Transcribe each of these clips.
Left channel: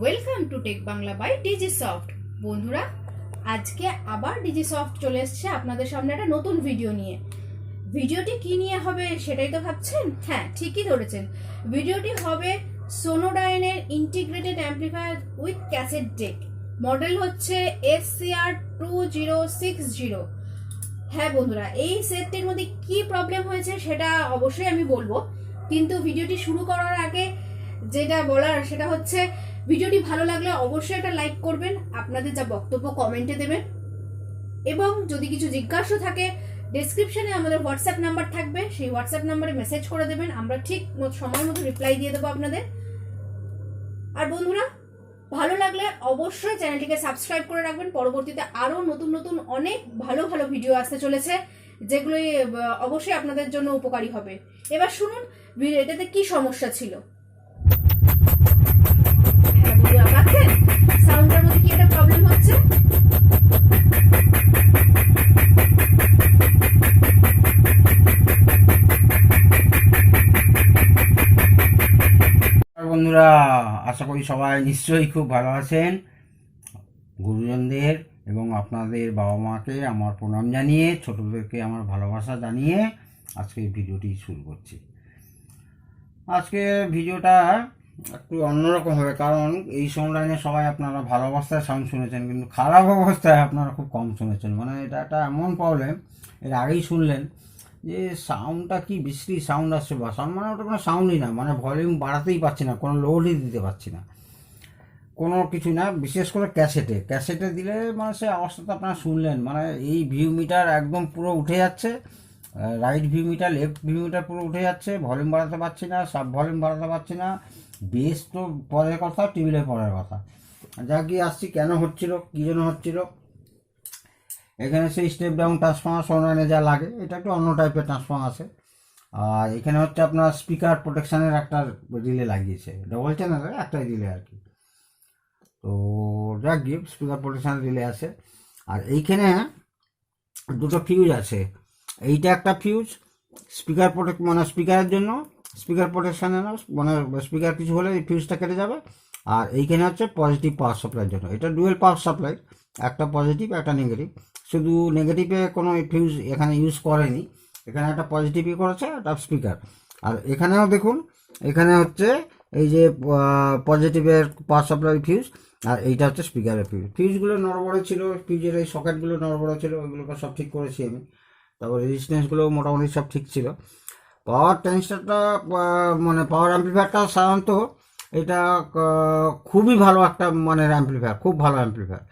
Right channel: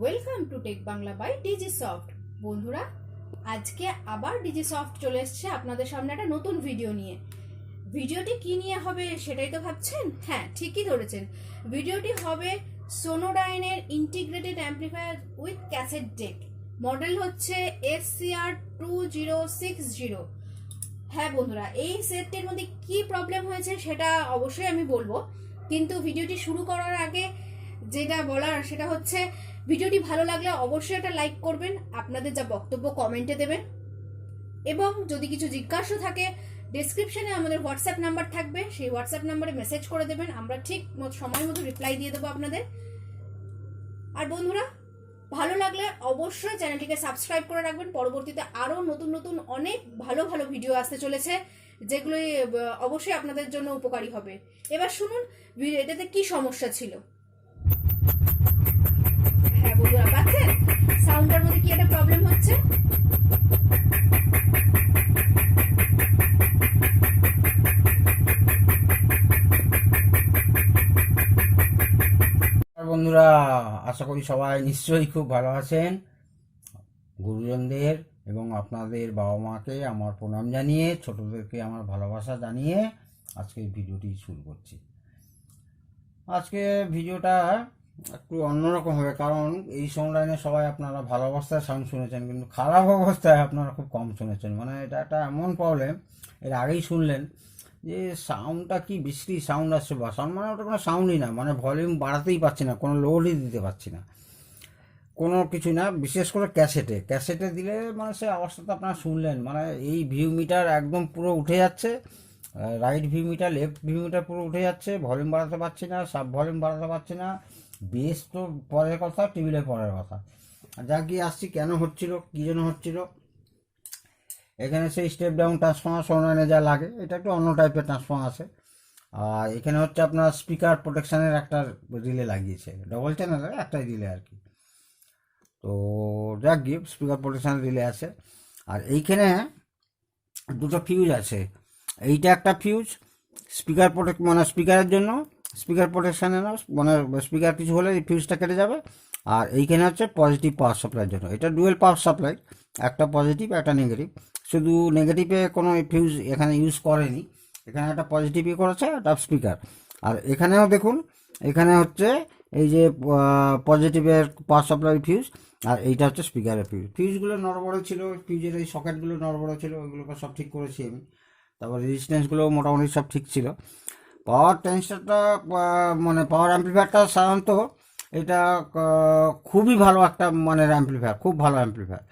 Welcome to Tech Bangla by Digi Soft. বন্ধুরা, আজকে আবার ডিজি সফট চলে এসেছে আপনাদের সামনে একটা নতুন ভিডিও নিয়ে। ভিডিওটি কি নিয়ে হবে সেটাই তো ভাবছেন। হ্যাঁ, ঠিকই ধরেছেন। ভিডিওটি হবে সোনোডাইনের integrated amplifier with cassette deck. Model হচ্ছে SCR2060। হ্যাঁ বন্ধুরা, এই সেটটির মধ্যে কি প্রবলেম হয়েছে সেটা অবশ্যই আমি বলবো, কিন্তু ভিডিওটি শুরু করার আগে যেটা বলার সেটা হচ্ছে ভিডিওটি ভালো লাগলে অবশ্যই একটা লাইক করবেন, আপনাদের যা বক্তব্য কমেন্টে দেবেন, এবং যদি কিছু জিজ্ঞাসা থাকে ডেসক্রিপশনে আমাদের হোয়াটসঅ্যাপ নাম্বার থাকবে, সেই হোয়াটসঅ্যাপ নাম্বারে মেসেজ করে দেবেন, আমরা ঠিক সময় মতো রিপ্লাই দিয়ে দেবো আপনাদের। আর বন্ধুরা, ভালো লাগলে অবশ্যই চ্যানেলটিকে সাবস্ক্রাইব করে রাখবেন। পরবর্তীতে আরো নতুন নতুন অনেক ভালো ভালো ভিডিও আসতে চলেছে, যেগুলো অবশ্যই আপনাদের জন্য উপকারী হবে। এবার শুনুন এটাতে কি সমস্যা ছিল। হ্যাঁ বন্ধুরা, পাচ্ছেন সাউন্ডের মধ্যে কি একটা প্রবলেম হচ্ছে। বন্ধুরা, আশা করি সবাই নিশ্চয়ই খুব ভালো আছেন। গুরুজনদের এবং আপনাদের বাবা মাকে আমার প্রণাম জানিয়ে, ছোটদেরকে আমার ভালোবাসা জানিয়ে আজকে ভিডিওটি শুরু করছি। আজকে ভিডিওটা একটু অন্যরকম হবে, কারণ এই লাইনে সবাই আপনারা ভালো অবস্থায় সাউন্ড শুনেছেন, কিন্তু খারাপ অবস্থায় আপনারা খুব কম শুনেছেন। মানে এটা একটা এমন প্রবলেম, এর আগেই শুনলেন যে সাউন্ডটা কি বিশ্রী সাউন্ড আসছে, বা সাউন্ড মানে ওটা কোনো সাউন্ডই না, মানে ভলিউম বাড়াতেই পারছি না, কোনো লোডই দিতে পারছি না, কোনো কিছু না। বিশেষ করে ক্যাসেটে দিলে মানে সে অবস্থাটা আপনারা শুনলেন, মানে এই ভিউ মিটার একদম পুরো উঠে যাচ্ছে, right view meter left view meter পুরো উঠে যাচ্ছে, ভলিউম বাড়াতে পারছি না, সাব ভলিউম বাড়াতে পারছি না। বেস তো পরের কথা, টেবিলের পরের কথা। যা গিয়ে আসছি কেন হচ্ছিল, কী জন্য হচ্ছিল। এখানে সেই স্টেপ ডাউন ট্রান্সফর্মার সোনানে যা লাগে, এটা একটু অন্য টাইপের ট্রান্সফর্মার আছে। আর এখানে হচ্ছে আপনার স্পিকার প্রোটেকশানের একটা রিলে লাগিয়েছে, ডবল চ্যানেলের একটা রিলে আর কি। তো যা গিয়ে স্পিকার প্রোটেকশানের রিলে আছে। আর এইখানে দুটো ফিউজ আছে, এইটা একটা ফিউজ স্পিকার মানে স্পিকারের জন্য, স্পিকার প্রোটেকশানের মানে স্পিকার কিছু হলে এই ফিউজটা কেটে যাবে। আর এইখানে হচ্ছে পজিটিভ পাওয়ার সাপ্লাইয়ের জন্য, এটা ডুয়েল পাওয়ার সাপ্লাই, একটা পজিটিভ একটা নেগেটিভ। শুধু নেগেটিভে কোনো ফিউজ এখানে ইউজ করেনি, এখানে একটা পজিটিভই করেছে, একটা স্পিকার। আর এখানেও দেখুন, এখানে হচ্ছে এই যে পজিটিভের পাওয়ার সাপ্লাই ফিউজ, আর এইটা হচ্ছে স্পিকারের ফিউজ। ফিউজগুলো নড়বড় ছিল, ফিউজের এই সকেটগুলো নড়বড় ছিল, ওইগুলোকে সব ঠিক করেছি আমি। তারপর রেজিস্ট্যান্সগুলো মোটামুটি সব ঠিক ছিল। পাওয়ার ট্রান্সিস্টারটা মানে পাওয়ার অ্যাম্পলিফায়ারটা সাধারণত এটা খুবই ভালো একটা মানে অ্যাম্পলিফায়ার, খুব ভালো অ্যাম্পলিফায়ার।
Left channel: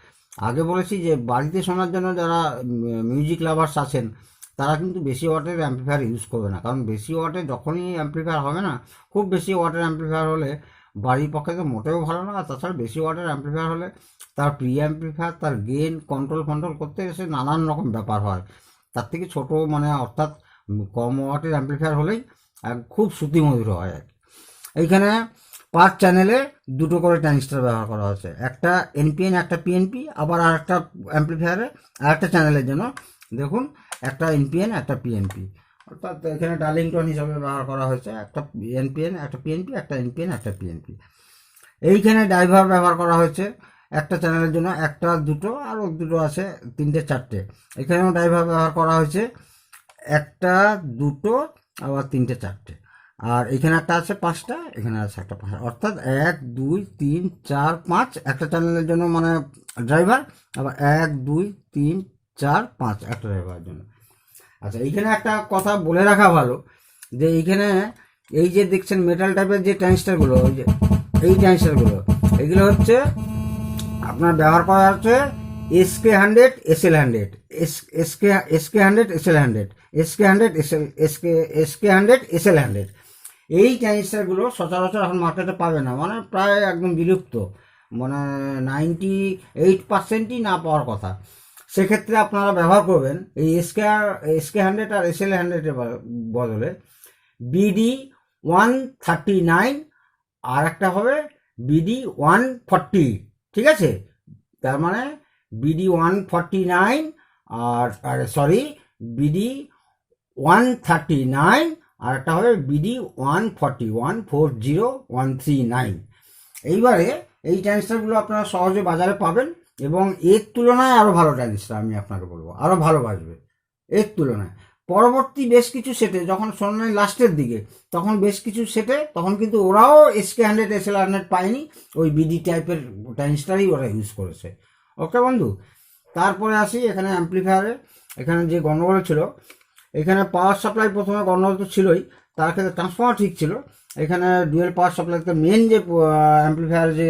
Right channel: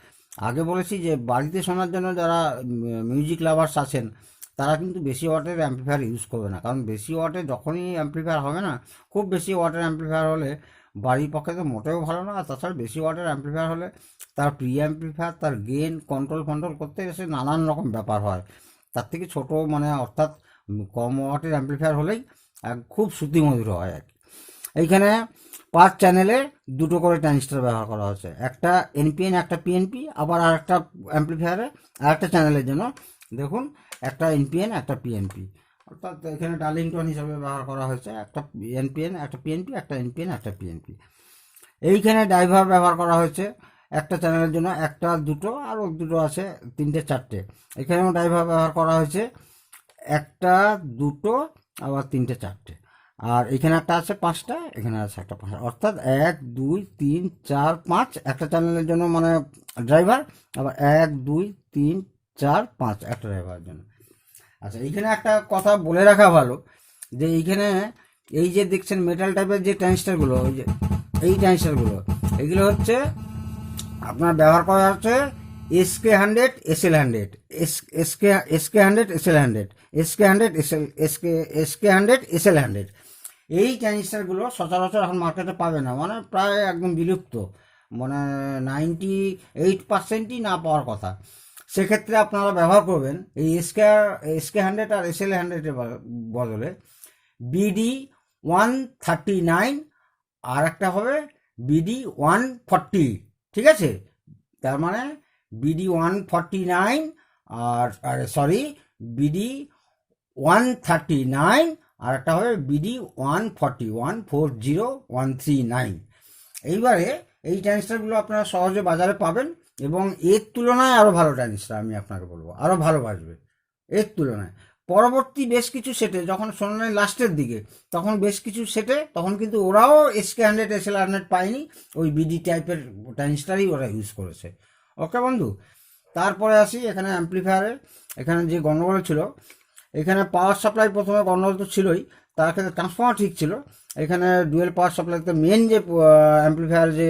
আগে বলেছি যে বাড়িতে শোনার জন্য যারা মিউজিক লাভার্স আছেন তারা কিন্তু বেশি ওয়াটের অ্যাম্পলিফায়ার ইউজ করবে না, কারণ বেশি ওয়াটের যখনই অ্যাম্পলিফায়ার হবে না, খুব বেশি ওয়াটের অ্যাম্পলিফায়ার হলে বাড়ির পক্ষে তো মোটেও ভালো না। আর তাছাড়া বেশি ওয়াটের অ্যাম্পলিফায়ার হলে তার প্রি অ্যাম্পলিফায়ার, তার গেন কন্ট্রোল করতে এসে নানান রকম ব্যাপার হয়। তার থেকে ছোট মানে অর্থাৎ কম ওয়াটের অ্যাম্পলিফায়ার হলেই খুব শ্রুতিমধুর হয় আর কি। এইখানে পার চ্যানেলে দুটো করে ট্রানজিস্টর ব্যবহার করা হয়েছে, একটা এনপিএন একটা পিএনপি। আবার আর একটা অ্যাম্পলিফায়ারে আর একটা চ্যানেলের জন্য দেখুন একটা এনপিএন একটা পিএনপি, অর্থাৎ এখানে ডার্লিংটন হিসাবে ব্যবহার করা হয়েছে, একটা এনপিএন একটা পিএনপি, একটা এনপিএন একটা পিএনপি। এইখানে ড্রাইভার ব্যবহার করা হয়েছে একটা চ্যানেলের জন্য, একটা দুটো আরও দুটো আছে, তিনটে চারটে। এখানেও ড্রাইভার ব্যবহার করা হয়েছে, একটা দুটো আবার তিনটে চারটে। আর এখানে একটা আছে পাঁচটা, এখানে আছে একটা পাঁচটা, অর্থাৎ 1 2 3 4 5 একটা চ্যানেলের জন্য মানে ড্রাইভার, আবার 1 2 3 4 5 একটা ড্রাইভারের জন্য। আচ্ছা, এইখানে একটা কথা বলে রাখা ভালো, যে এইখানে এই যে দেখছেন মেটাল টাইপের যে ট্রানজিস্টারগুলো, ওই যে এই ট্রানজিস্টারগুলো, এগুলো হচ্ছে আপনার ব্যবহার করা হচ্ছে SK100 SL100, SK100 SL100, SK100 SK100 SL100। এই ট্রানজিস্টারগুলো সচরাচর এখন মার্কেটে পাবে না, মানে প্রায় একদম বিলুপ্ত, মানে 98%ই না পাওয়ার কথা। সেক্ষেত্রে আপনারা ব্যবহার করবেন এই SK100 আর SL100 এর বদলে BD139, আর একটা হবে BD140, ঠিক আছে? তার মানে BD149 আর সরি BD139, আর একটা হবে BD140 139। এইবারে এই ট্রানজিস্টারগুলো আপনারা সহজে বাজারে পাবেন, এবং এর তুলনায় আরও ভালো ট্রানজিস্টার আমি আপনাকে বলবো, আরও ভালো বাজবে এর তুলনায়। পরবর্তী বেশ কিছু সেটে যখন সোনার লাস্টের দিকে, তখন বেশ কিছু সেটে তখন কিন্তু ওরাও SK100 SL100 পায়নি, ওই বিডি টাইপের ট্রানজিস্টারই ওরা ইউজ করেছে। ওকে বন্ধু, তারপরে আসি এখানে অ্যাম্প্লিফায়ারে। এখানে যে গণ্ডগোল ছিল, এখানে পাওয়ার সাপ্লাই প্রথমে গণ্ডগোল তো ছিলই, তার ক্ষেত্রে ট্রান্সফর্মার ঠিক ছিল। এখানে ডুয়েল পাওয়ার সাপ্লাইতে মেন যে অ্যাম্প্লিফায়ার যে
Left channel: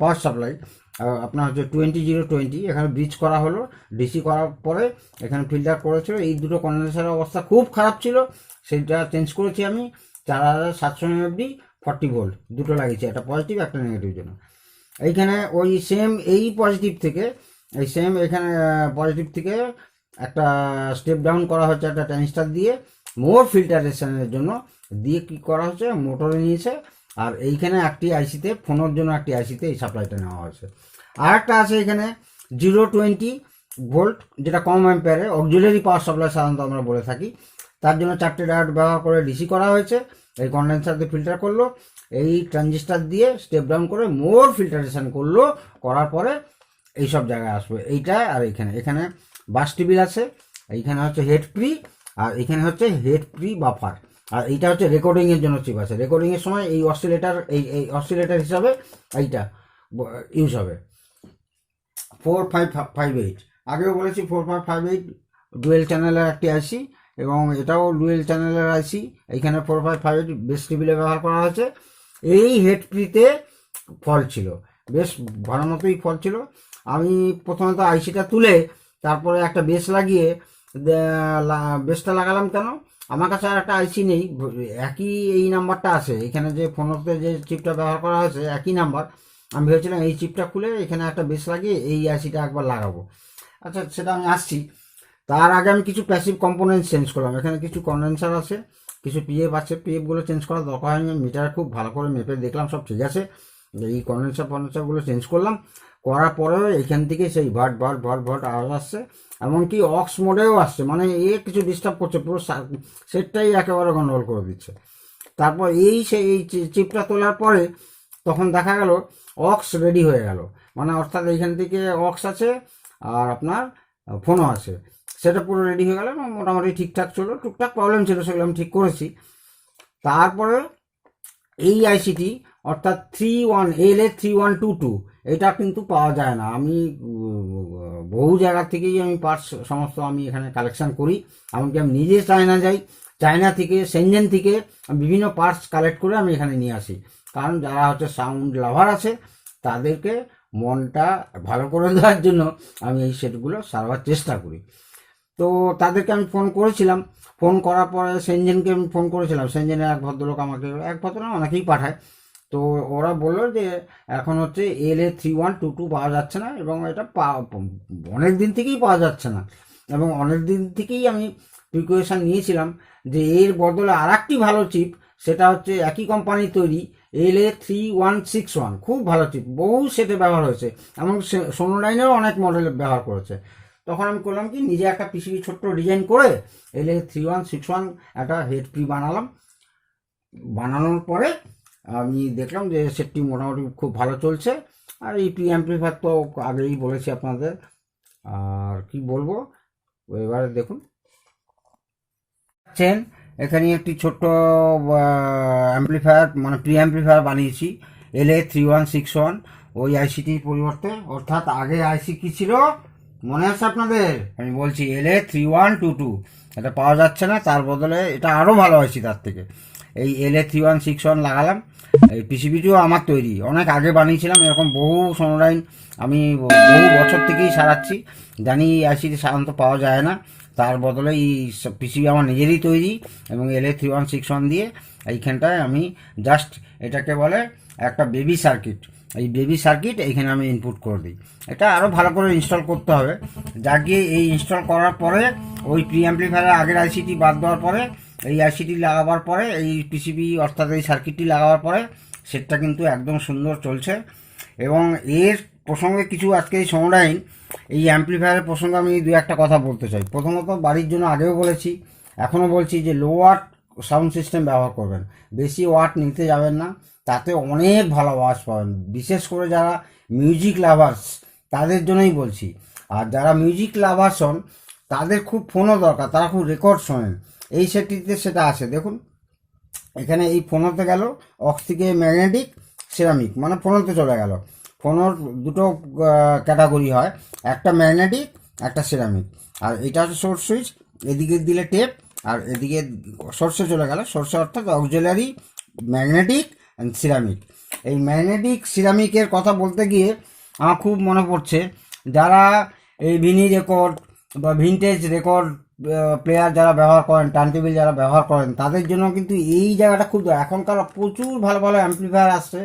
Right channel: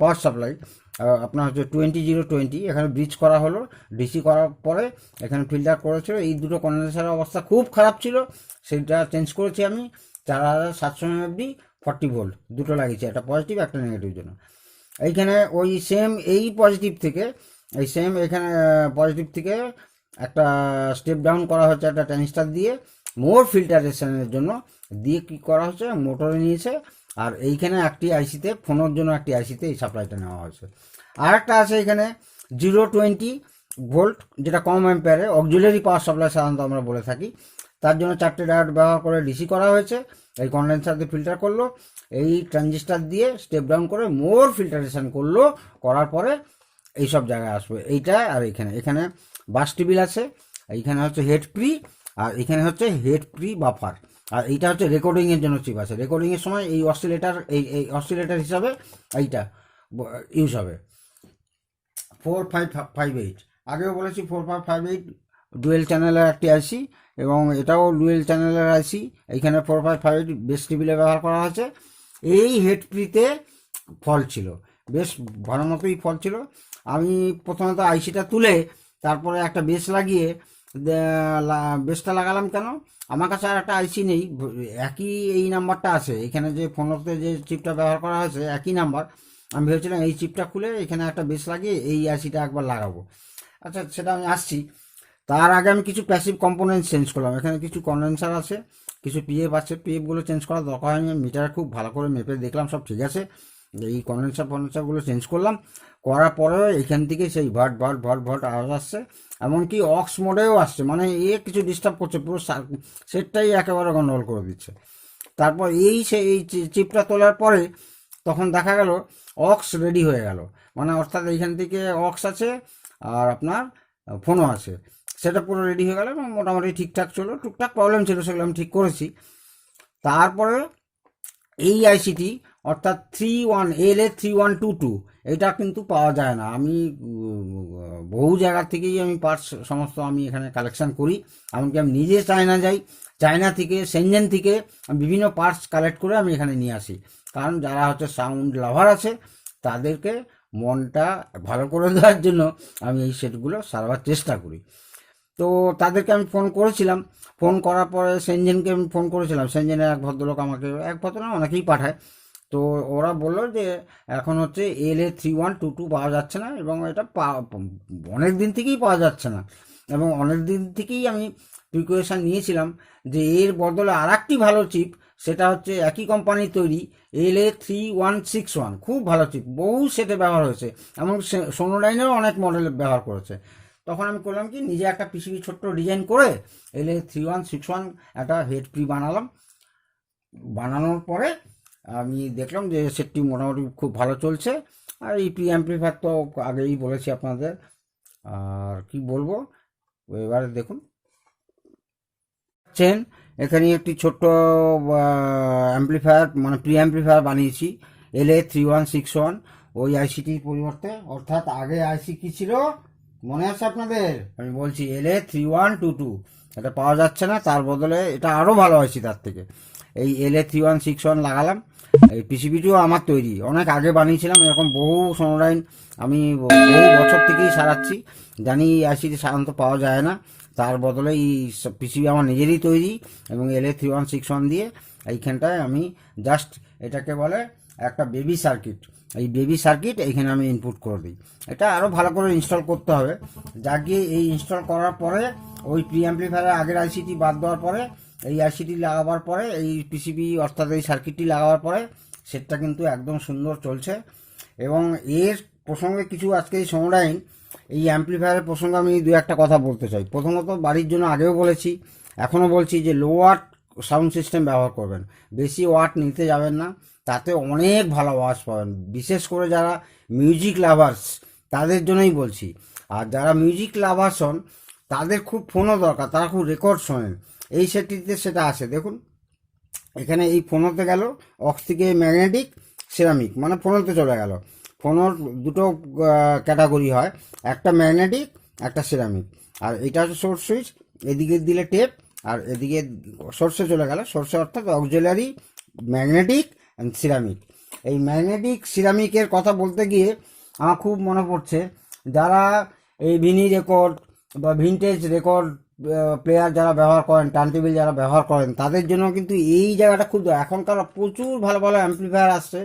পাওয়ার সাপ্লাই আপনার হচ্ছে 20-020, এখানে ব্রিজ করা হলো, ডিসি করার পরে এখানে ফিল্টার করেছিল। এই দুটো কন্ডেন্সারের অবস্থা খুব খারাপ ছিল, সেটা চেঞ্জ করেছি আমি। 4700 mFD 40 ভোল্ট দুটো লাগিয়েছি, একটা পজিটিভ একটা নেগেটিভ জন্য। এইখানে ওই সেম এই পজিটিভ থেকে, এই সেম এখানে পজিটিভ থেকে একটা স্টেপ ডাউন করা হচ্ছে একটা ট্রানজিস্টার দিয়ে, মোর ফিল্টারেশনের জন্য দিয়ে কি করা হচ্ছে, মোটরে নিয়েছে। আর এইখানে একটি আইসিতে, ফোনের জন্য একটি আইসিতে এই সাপ্লাইটা নেওয়া হয়েছে। আর একটা আছে এখানে 020 ভোল্ট, যেটা কম অ্যাম্পিয়ারে অক্সিলারি পাওয়ার সাপ্লাই সাধারণত আমরা বলে থাকি। তার জন্য 4টে ডায়োড ব্যবহার করে ডিসি করা হয়েছে। এই কন্ডেন্সার দিয়ে ফিল্টার করলো, এই ট্রানজিস্টার দিয়ে স্টেপ ডাউন করে মোর ফিল্টারেশন করলো, করার পরে এইসব জায়গায় আসবে এইটা। আর এখানে বাস টিবিল আছে, এইখানে হচ্ছে হেড প্রি, আর এখানে হচ্ছে হেড প্রি বাফার। আর এইটা হচ্ছে রেকর্ডিং এর জন্য চিপ আছে, রেকর্ডিং এর সময় এই অসিলেটর, এই অসিলেটর হিসাবে এইটা ইউজ হবে। 4558 আগেও বলেছি, 4558 ডুয়েল চ্যানেলের একটি আইসি, এবং এটাও ডুয়েল চ্যানেলের আইসি। এইখানে 4558 বেস টেবিলে ব্যবহার করা হয়েছে। এই হেড প্রিতে ফল্ট ছিল, বেশ ভালো মতোই ফল্ট ছিল। আমি প্রথমত আইসিটা তুলে তারপরে একটা বেস লাগিয়ে, বেসটা লাগালাম কেন, আমার কাছে আর একটা আইসি নেই, একই এই নাম্বারটা আছে এখানে, যে ফোনতে যে চিপটা ব্যবহার করা হয়েছে একই নাম্বার। আমি ভেবেছিলাম এই চিপটা খুলে এখানে একটা বেস লাগিয়ে এই আইসিটা একবার লাগাবো। আচ্ছা, সেটা আমি আসছি। তার আগে আমি কিছু প্যাসিভ কম্পোনেন্ট চেঞ্জ করলাম। এখানে কিছু কন্ডেন্সার আছে, কিছু পিএফ আছে, পিএফগুলো চেঞ্জ করার দরকার হয়নি। মিটারে খুব ভালো করে মেপে দেখলাম সব ঠিক আছে। এই কন্ডেন্সারগুলো চেঞ্জ করলাম, করার পরেও এখান থেকে সেই ভট ভট ভট ভট আওয়াজ আসছে, এমনকি অক্স মোডেও আসছে, মানে কিছু ডিস্টার্ব করছে, পুরো সেটটাই একেবারে গন্ডগোল করে দিচ্ছে। তারপর সেই চিপটা তোলার পরে তখন দেখা গেল অক্স রেডি হয়ে গেল, মানে অর্থাৎ এইখান থেকে অক্স আছে আর আপনার ফোনও আছে, সেটা পুরো রেডি হয়ে গেল এবং মোটামুটি ঠিকঠাক চলো। টুকটাক প্রবলেম ছিল, সেগুলো আমি ঠিক করেছি। তারপরে এই আইসিটি অর্থাৎ LA3122 এটা কিন্তু পাওয়া যায় না। আমি বহু জায়গা থেকেই আমি পার্টস সমস্ত আমি এখানে কালেকশন করি, এমনকি আমি নিজে চায়না যাই, চায়না থেকে, সেনজেন থেকে বিভিন্ন পার্টস কালেক্ট করে আমি এখানে নিয়ে আসি। কারণ যারা হচ্ছে সাউন্ড লাভার আছে তাদেরকে মনটা ভালো করে দেওয়ার জন্য আমি এই সেটগুলো সারবার চেষ্টা করি। তো তাদেরকে আমি ফোন করেছিলাম, ফোন করার পরে সেনজেনকে আমি ফোন করেছিলাম, সেনজেনের এক ভদ্রলোক আমাকে, এক ভদ্রলোক অনেকেই পাঠায়, তো ওরা বললো যে এখন হচ্ছে LA3122 পাওয়া যাচ্ছে না, এবং এটা অনেক দিন থেকেই পাওয়া যাচ্ছে না, এবং অনেক দিন থেকেই আমি প্রিকশন নিয়েছিলাম যে এর বদলে আর একটি ভালো চিপ, সেটা হচ্ছে একই কোম্পানির তৈরি LA3161, খুব ভালো চিপ, বহু সেটে ব্যবহার হয়েছে, এবং সোনোলাইনেও অনেক মডেল ব্যবহার করেছে। তখন আমি করলাম কি, নিজে একটা পিসিবি ছোট্ট ডিজাইন করে LA3161 একটা হেড প্রি বানালাম। বানানোর পরে আমি দেখলাম যে সেটটি মোটামুটি খুব ভালো চলছে। আর এই প্রি অ্যাম্প্লিফায়ার তো আগেই বলেছি আপনাদের, আর কি বলবো, এবারে দেখুন এখানে একটি ছোট্ট অ্যাম্প্লিফায়ার, মানে প্রি অ্যাম্প্লিফায়ার বানিয়েছি LA3161 ওই আইসিটির পরিবর্তে। অর্থাৎ আগে আইসি কি ছিল মনে আছে আপনাদের, আমি বলছি LA3122, এটা পাওয়া যাচ্ছে না, তার বদলে এটা আরও ভালো আইসি তার থেকে। এই LA3161 লাগালাম। এই পিসিবিটিও আমার তৈরি, অনেক আগে বানিয়েছিলাম, এরকম বহু সোনোলাইন আমি বহু বছর থেকেই সারাচ্ছি, জানি এই আইসিটি সাধারণত পাওয়া যায় না, তার বদলে এই পিসিবি আমার নিজেরই তৈরি, এবং LA3161 দিয়ে এইখানটায় আমি জাস্ট এটাকে বলে একটা বেবি সার্কিট, এই বেবি সার্কিট এইখানে আমি ইনপুট করে দিই। এটা আরও ভালো করে ইনস্টল করতে হবে, যা গিয়ে এই ইনস্টল করার পরে ওই প্রি অ্যাম্প্লিফায়ারের আগের আইসিটি বাদ দেওয়ার পরে এই আইসিটি লাগাবার পরে, এই পিসিবি অর্থাৎ এই সার্কিটটি লাগাবার পরে সেটটা কিন্তু একদম সুন্দর চলছে। এবং এর প্রসঙ্গে কিছু আজকে এই সোনোলাইন এই অ্যাম্প্লিফায়ারের প্রসঙ্গে আমি দু একটা কথা বলতে চাই। প্রথমত বাড়ির জন্য আগেও বলেছি, এখনও বলছি যে লো ওয়াট সাউন্ড সিস্টেম ব্যবহার করবেন, বেশি ওয়াট নিতে যাবেন না, তাতে অনেক ভালো আওয়াজ পাবেন। বিশেষ করে যারা মিউজিক লাভার্স তাদের জন্যই বলছি। আর যারা মিউজিক লাভার্স হন তাদের খুব ফোনও দরকার, তারা খুব রেকর্ড শোনেন, এই সেটটিতে সেটা আছে। দেখুন এখানে এই ফোনোতে গেল অক্স থেকে ম্যাগনেটিক সিরামিক, মানে ফোনোতে চলে গেল। ফোনোর দুটো ক্যাটাগরি হয়, একটা ম্যাগনেটিক একটা সিরামিক। আর এটা হচ্ছে সোর্স সুইচ, এদিকে দিলে টেপ, আর এদিকে সোর্সে চলে গেল। সোর্সে অর্থাৎ অক্সিলারি ম্যাগনেটিক অ্যান্ড সিরামিক। এই ম্যাগনেটিক সিরামিকের কথা বলতে গিয়ে আমার খুব মনে পড়ছে, যারা এই ভিনি রেকর্ড বা ভিনটেজ রেকর্ড প্লেয়ার যারা ব্যবহার করেন, টার্নটেবিল যারা ব্যবহার করেন, তাদের জন্য কিন্তু এই জায়গাটা খুব, এখনকার প্রচুর ভালো ভালো অ্যাম্পলিফায়ার আসছে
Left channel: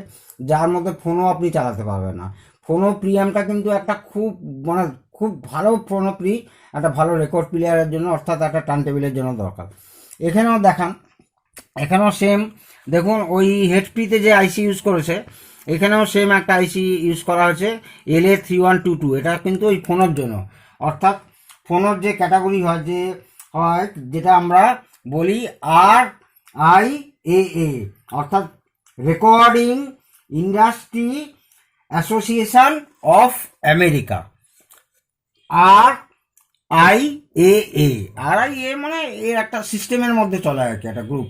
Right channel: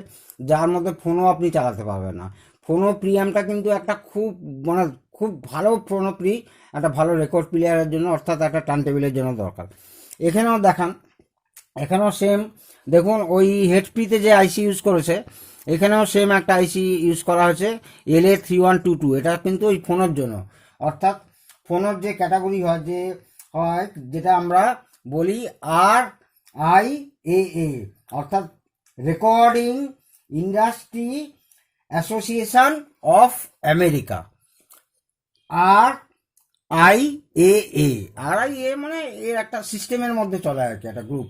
যার মধ্যে ফোনও আপনি চালাতে পারবেন না। ফোনো প্রিয়ামটা কিন্তু একটা খুব মানে খুব ভালো ফোনো প্রি একটা ভালো রেকর্ড প্লেয়ারের জন্য, অর্থাৎ একটা টার্নটেবিলের জন্য দরকার। এখানেও দেখান, এখানেও সেম দেখুন, ওই হেডপিতে যে আইসি ইউজ করেছে এখানেও সেম একটা আইসি ইউজ করা হয়েছে, LA3122। এটা কিন্তু ওই ফোনের জন্য, অর্থাৎ ফোনের যে ক্যাটাগরি হয়, যে হয় যেটা আমরা বলি RIAA, অর্থাৎ recording industry association of America, RIAA মানে এর একটা সিস্টেমের মধ্যে চলে আর কি, একটা গ্রুপ।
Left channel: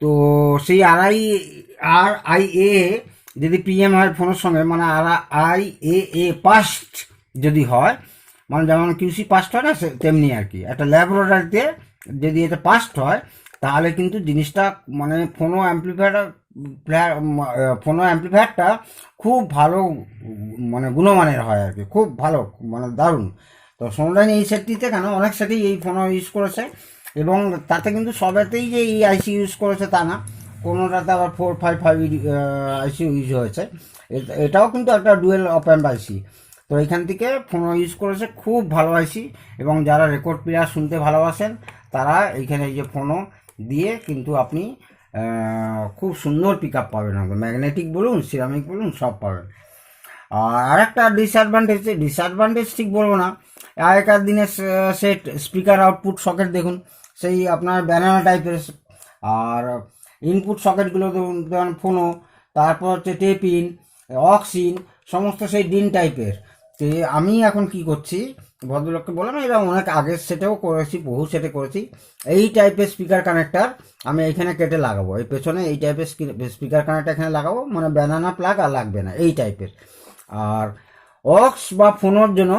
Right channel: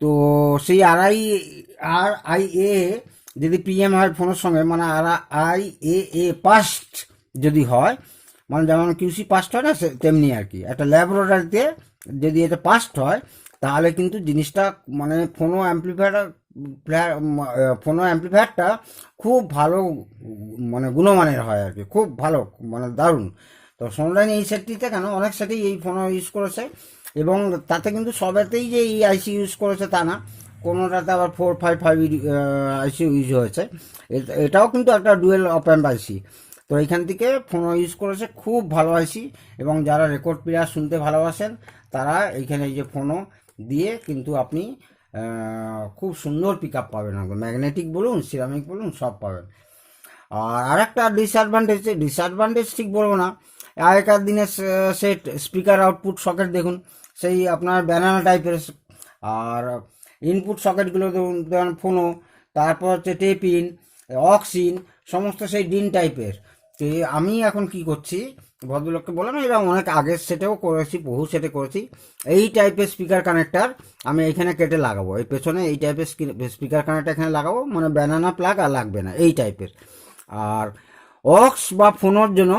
তো সেই RIAA যদি পিএম হয় ফোনের সঙ্গে, মানে RIAA পাস্ট যদি হয়, মানে যেমন কিউসি পাস্ট হয় না তেমনি আর কি, একটা ল্যাবরেটরিতে যদি এটা পাস্ট হয় তাহলে কিন্তু জিনিসটা মানে ফোনো অ্যাম্প্লিফায়ারটা খুব ভালো মানে গুণমানের হয় আর কি, খুব ভালো মানে দারুণ। তো সোনোডাইন এই সেটটিতে কেন, অনেক সেটেই এই ফোনও ইউজ করেছে, এবং তাতে কিন্তু সবেতেই যে এই আইসি ইউজ করেছে তা না, কোনোটাতে আবার 455 আইসি ইউজ হয়েছে। এটাও কিন্তু একটা ডুয়েল অপ অ্যাম্প আইসি। তো এইখান থেকে ফোন ইউজ করেছে, খুব ভালো আইসি। এবং যারা রেকর্ড প্লেয়ার শুনতে ভালোবাসেন তারা এইখানে এই যে ফোনও দিয়ে কিন্তু আপনি খুব সুন্দর পিক আপ পাবেন, ম্যাগনেটিক বলুন সিরামিক বলুন সব পাবেন। আর আরেকটা ডিসঅ্যাডভান্টেজ ঠিক বলবো না, আগেকার দিনের সেট স্পিকার আউটপুট সকেট দেখুন, সেই আপনার ব্যানানা টাইপের, আর ইনপুট সকেটগুলো দেখুন ফোনো, তারপর হচ্ছে টেপ ইন, অক্স ইন, সমস্ত সেই ডিন টাইপের। তো আমি এখন কি করছি, ভদ্রলোককে বললাম, এরা অনেক আগের সেটেও করেছি, বহু সেটে করেছি, এই টাইপের স্পিকার কানেক্টার আমি এইখানে কেটে লাগাবো, এই পেছনে এই টাইপের স্পিকার কানেক্টার এখানে লাগাবো, মানে ব্যানানা প্লাগ আর লাগবে না এই টাইপের। আর অক্স বা ফোনের জন্য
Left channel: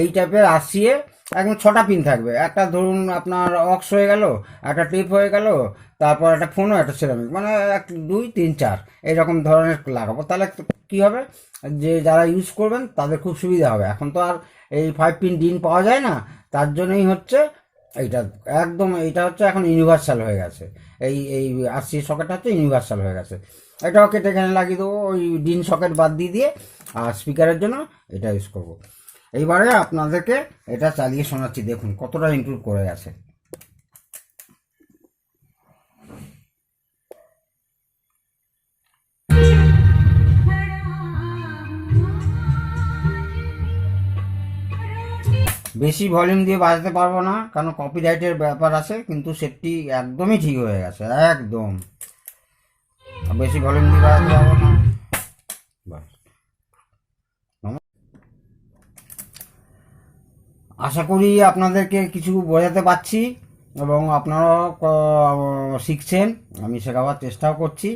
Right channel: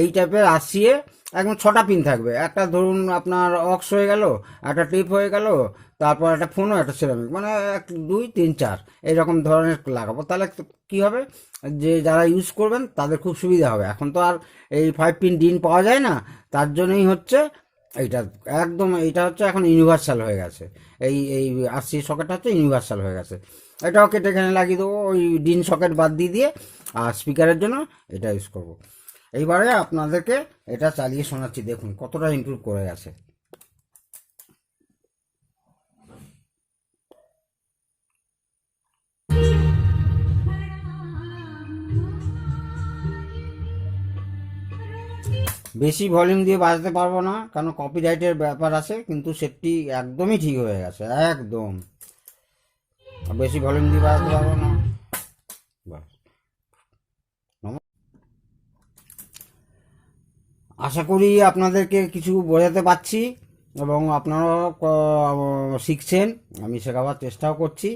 এই টাইপের আসিয়ে একদম 6টা পিন থাকবে, একটা ধরুন আপনার অক্স হয়ে গেল, একটা টেপ হয়ে গেল, তারপর একটা ফোনও একটা সিরামিক, মানে 2 3 4 এইরকম ধরনের লাগাবো। তাহলে কি হবে, যে যারা ইউজ করবেন তাদের খুব সুবিধা হবে। এখন তো আর এই 5 পিন ডিন পাওয়া যায় না, তার জন্যই হচ্ছে এইটা একদম, এইটা হচ্ছে এখন ইউনিভার্সাল হয়ে গেছে, এই এই আরসি সকেটটা হচ্ছে ইউনিভার্সাল হয়ে গেছে। এটাও কেটে এখানে লাগিয়ে দেবো, ওই ডিন সকেট বাদ দিয়ে আর স্পিকারের জন্য এটা ইউজ করবো। এইবারে আপনাদেরকে এটা চালিয়ে শোনাচ্ছি, দেখুন কতটা ইমপ্রুভ করে গেছে। বেশি ভলিউম দিয়ে বাজাতে পারবো না, কারণ কপিরাইটের ব্যাপার আছে, কিন্তু সেটটি একদমই ঠিক হয়ে গেছে, একদম বেশি ভলিউম দিয়ে বাজাতে পারবো না। আশা করি আপনাদেরকে কিছু বোঝাতে পারছি এবং আপনারাও শিখছেন, আমি শেখাবার চেষ্টাও করছি।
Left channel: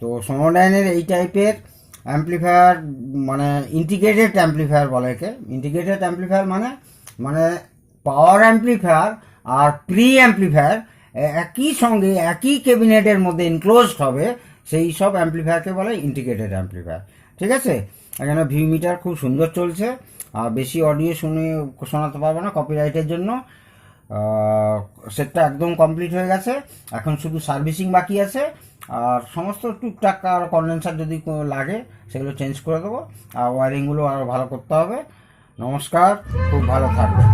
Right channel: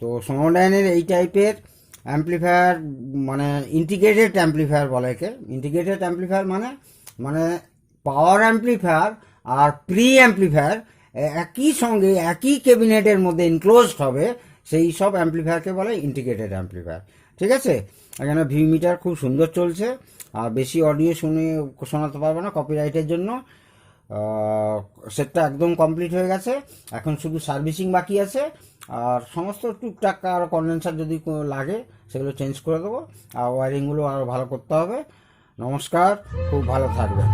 তো সোনোডাইনের এই টাইপের অ্যাম্প্লিফায়ার মানে ইন্টিগ্রেটেড অ্যাম্প্লিফায়ার বলে একে। ইন্টিগ্রেটেড অ্যাম্প্লিফায়ার মানে পাওয়ার অ্যাম্প্লিফায়ার আর প্রি অ্যাম্প্লিফায়ার একই সঙ্গে একই ক্যাবিনেটের মধ্যে ইনক্লোজড হবে, সেই সব অ্যাম্প্লিফায়ারকে বলে ইন্টিগ্রেটেড অ্যাম্প্লিফায়ার। ঠিক আছে, এখানে ভিউ মিটার খুব সুন্দর চলছে, আর বেশি অডিও শোনাতে পারবো না কপিরাইটের জন্য। সেটটা একদম কমপ্লিট হয়ে গেছে, এখন শুধু সার্ভিসিং বাকি আছে, আর সমস্ত টুকটাক আর কন্ডেন্সার যদি লাগে সেগুলো চেঞ্জ করে দেবো, আর ওয়ারিংগুলো আরও ভালো করতে হবে। নমস্কার, খুব ভালো থাকবে।